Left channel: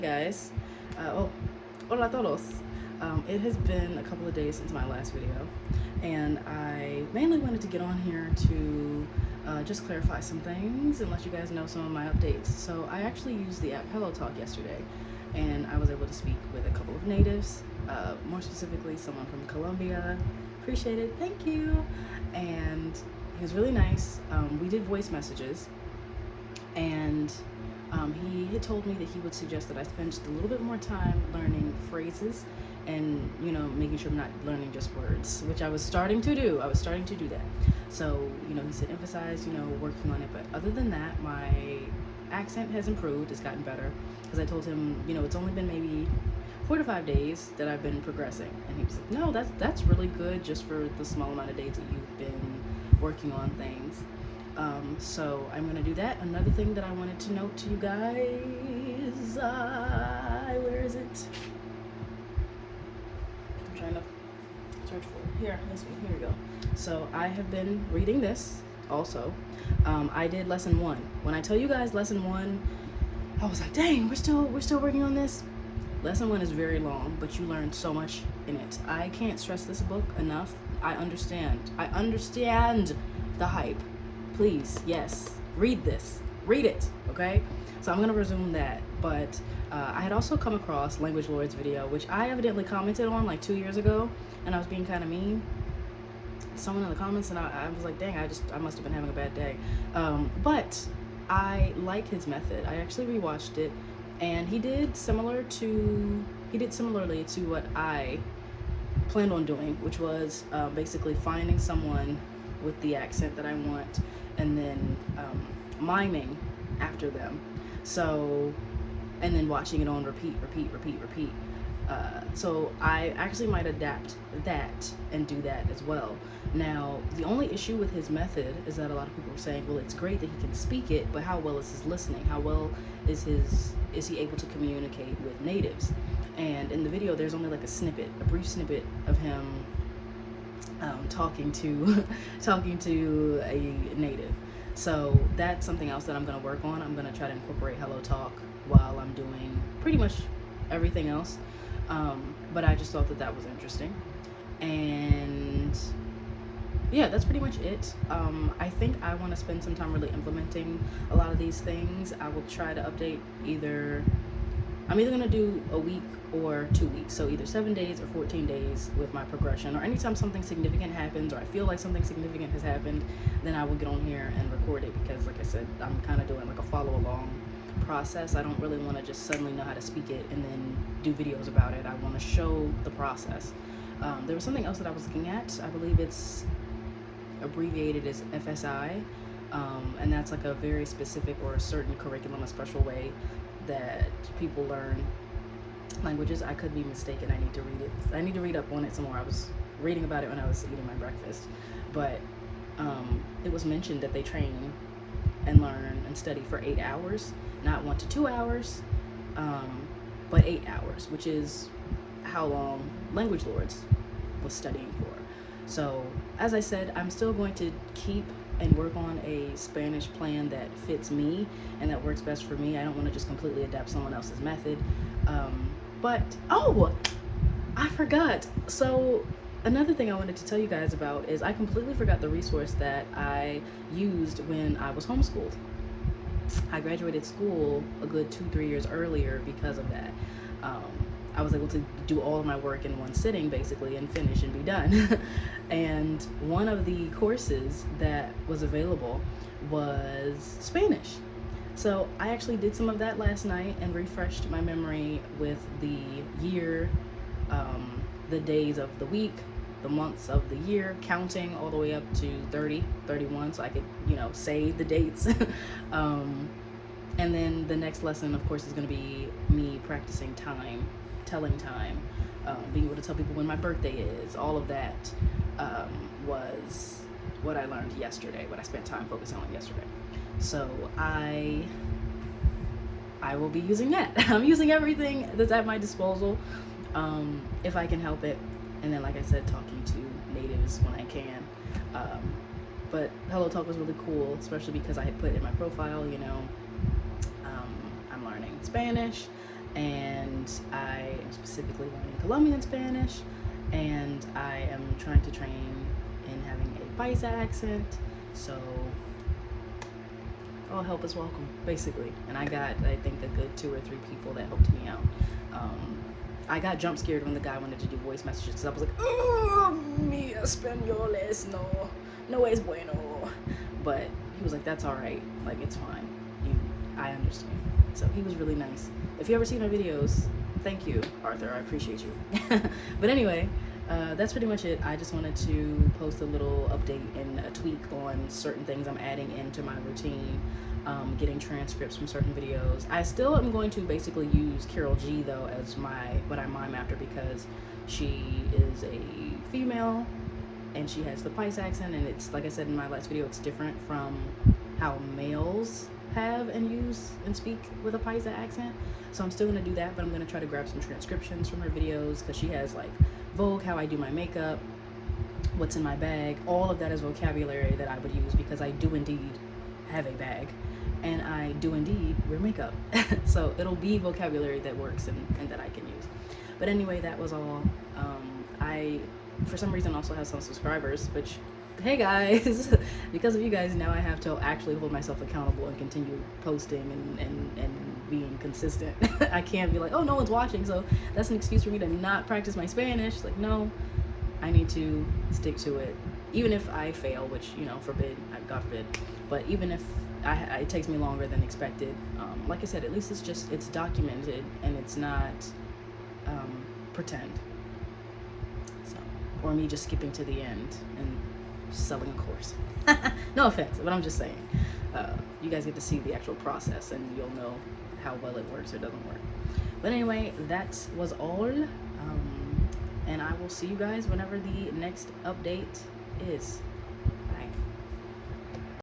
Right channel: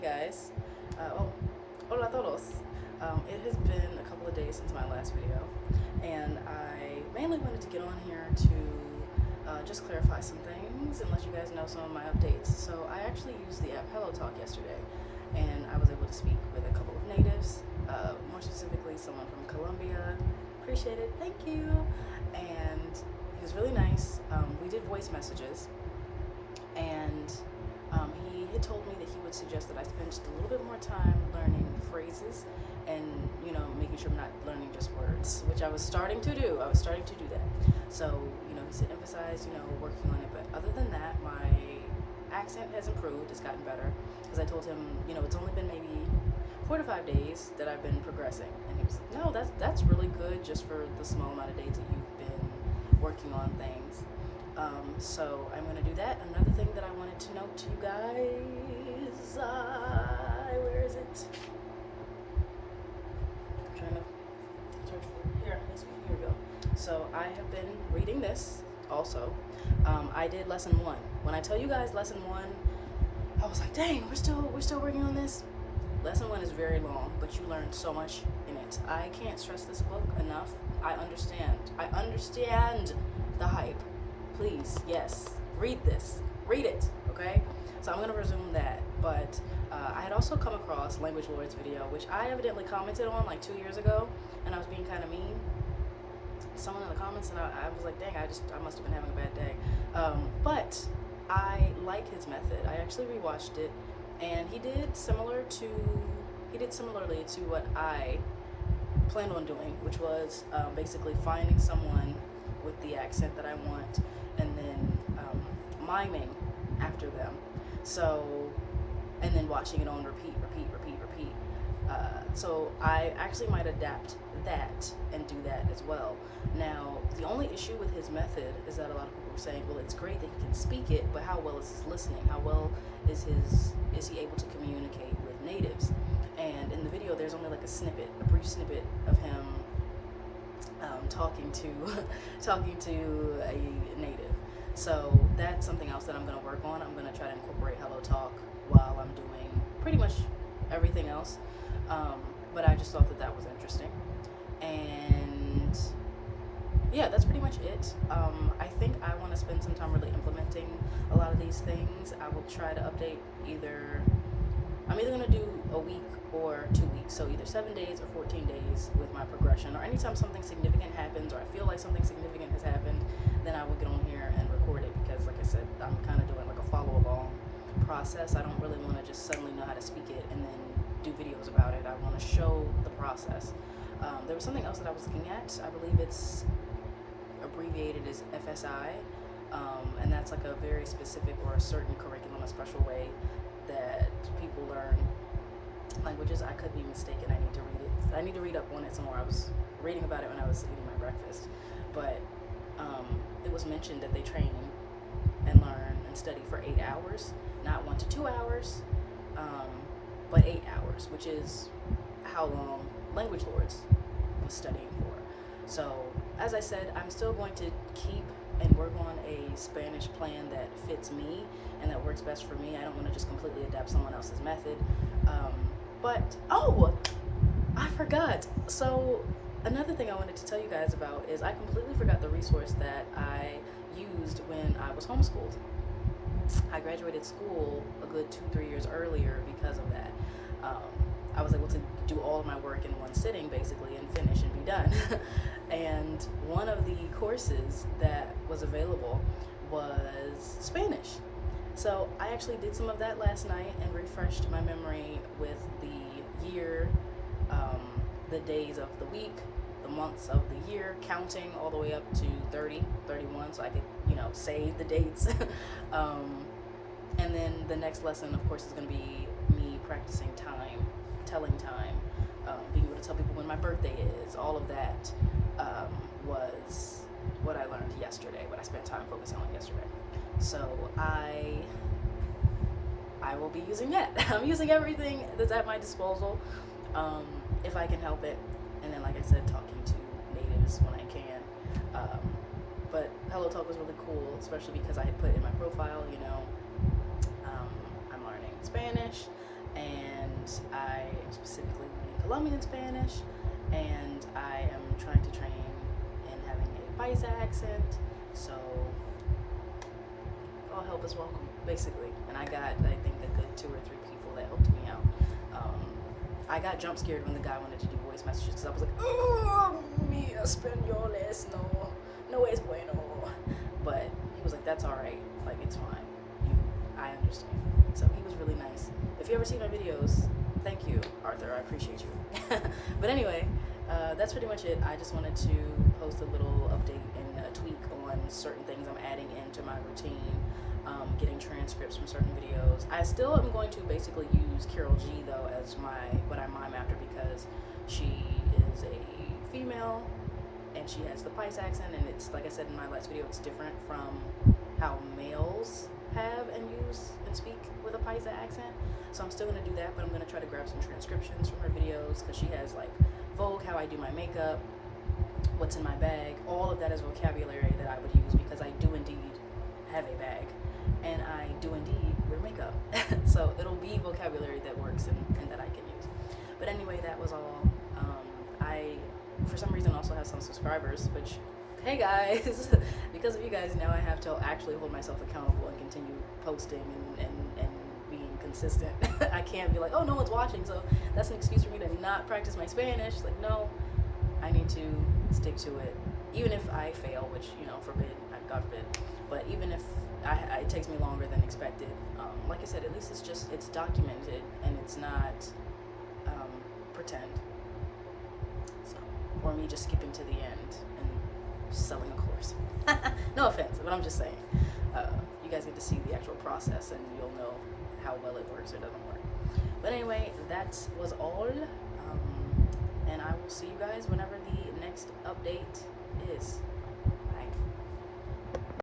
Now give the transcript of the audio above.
Guys, hola todos. It has been a couple of days since my last video, and I mainly wanted to get on here to just clarify some things and let you guys know some of my updates. So I actually used the app HelloTalk yesterday, and I was able to speak with a couple of natives, more specifically someone from Colombia. Appreciate it, thank you. And he was really nice. We did voice messages, and he had told me that he would suggest that I spend just a little bit more time learning phrases and, making sure I'm not learning just words, which I was starting to do. I was starting to do that. So, he said emphasize, working on it. But other than that, my accent has improved. It's gotten better. Because I told him, it's only been maybe 4 to 5 days that I've been progressing. And he was like, no, that's really good just for the small amount of days that you've been working on things. So I'm gonna do that. Another thing that I wanted to note to you guys, where is it? I'm trying to search for it. Here we go. So I have been reading this also. I did lesson 1. When I tell you guys lesson 1, I was like, dang, we're still working on this. Lesson 1 is very long, but you learn so much in it. I can't stress this book enough. I understand the hype. Please, yes, read this, read it, okay? So I'm gonna resume that, but I had also come across Language Lord's video, which I evidently commented on like 2 years ago, and I was being kind of mean. Someone in the comments, and I was like, dang, I must have been having a bad day. But I like his method. I actually rewatched it, and he did similarly to what I planned on doing, which was basically finding someone with the accent that I want, and then miming after them. So, and then watching it on repeat. So I actually might adapt that and do that as well. Now, the only issue with his method is that a lot of people are saying, well, it's great that he can speak it, but how well is his listening? How well is he able to communicate with natives? And in the video, there's only like a brief snippet of him talking to a native. So that's something else that I'm going to work on. I'm going to try to incorporate HelloTalk while I'm doing pretty much everything else. But I just thought that was interesting. And yeah, that's pretty much it. I think I want to spend some time really implementing a lot of these things. I will try to update I'm either going to do a week or 2 weeks, so either 7 days or 14 days with my progression, or anytime something significant happens or I feel like something significant has happened, then I will get on here and record it, because like I said, I'm kind of doing like a follow along process. I don't really want to just suddenly know how to speak it and then do videos about it. I want to show the process. There was something else that I was looking at. I believe it's abbreviated as FSI, and that's like a very specific or a certain curriculum, a special way that people learn languages. I could be mistaken. I need to read it. I need to read up on it some more. I was reading about it when I was eating my breakfast, but it was mentioned that they train and learn and study for 8 hours, not 1 to 2 hours, but 8 hours, which is how long Language Lords was studying for. So as I said, I'm still going to keep and work on a Spanish plan that fits me and that works best for me. I don't want to just completely adapt someone else's method. But I forgot. So another thing I wanted to tell you guys about is I completely forgot the resource that I used when I was homeschooled. I graduated school a good 2-3 years earlier because of that. I was able to do all of my work in one sitting basically and finish and be done. And one of the courses that was available was Spanish. So I actually did some of that last night and refreshed my memory with the year, the days of the week, the months of the year, counting all the way up to 30, 31, so I could, say the dates. And then the next lesson, of course, is going to be me practicing time, telling time, being able to tell people when my birthday is. All of that was what I learned yesterday, what I spent time focusing on yesterday. So I will be using that. I'm using everything that's at my disposal, if I can help it. And then, like I said, talking to natives when I can. But HelloTalk was really cool, especially because I had put in my profile, I'm learning Spanish, and I am specifically learning Colombian Spanish, and I am trying to train in having a Paisa accent. So all help is welcome, basically. And I got, I think, a good 2 or 3 people that helped me out. I got jump scared when the guy wanted to do voice messages, because I was like, oh, mi español es no es bueno. But he was like, that's all right, like, it's fine. I understand. So he was really nice. If you ever see my videos, thank you, Arthur. I appreciate you. But anyway, that's pretty much it. I just wanted to post a little update and a tweak on certain things I'm adding into my routine. Getting transcripts from certain videos. I still am going to basically use Carol G though as what I mime after, because she is a female and she has the Paisa accent, and it's, like I said in my last video, it's different from how males have and use and speak with a Paisa accent. So I'm still gonna do that, but I'm gonna try to grab some transcriptions from her videos, because she has like Vogue, how I do my makeup, what's in my bag. All of that is vocabulary that I would use, because I do indeed have a bag and I do indeed wear makeup. So it'll be vocabulary that works and that I can use. But anyway, that was all. I, for some reason, also have some subscribers, which, hey guys, because of you guys, now I have to actually hold myself accountable and continue posting and being consistent. I can't be like, oh, no one's watching, so that's an excuse for me to not practice my Spanish. Like, no, I need to stick to it. Even if I fail, which, you know, forbid, God forbid, but even if it takes me longer than expected, like I said, at least it's documented and it's not pretend. So, or me just skipping to the end and selling a course. No offense, but I'm just saying. You guys get to see the actual process and you'll know how well it works or doesn't work. But anyway, that was all. And I will see you guys whenever the next update is.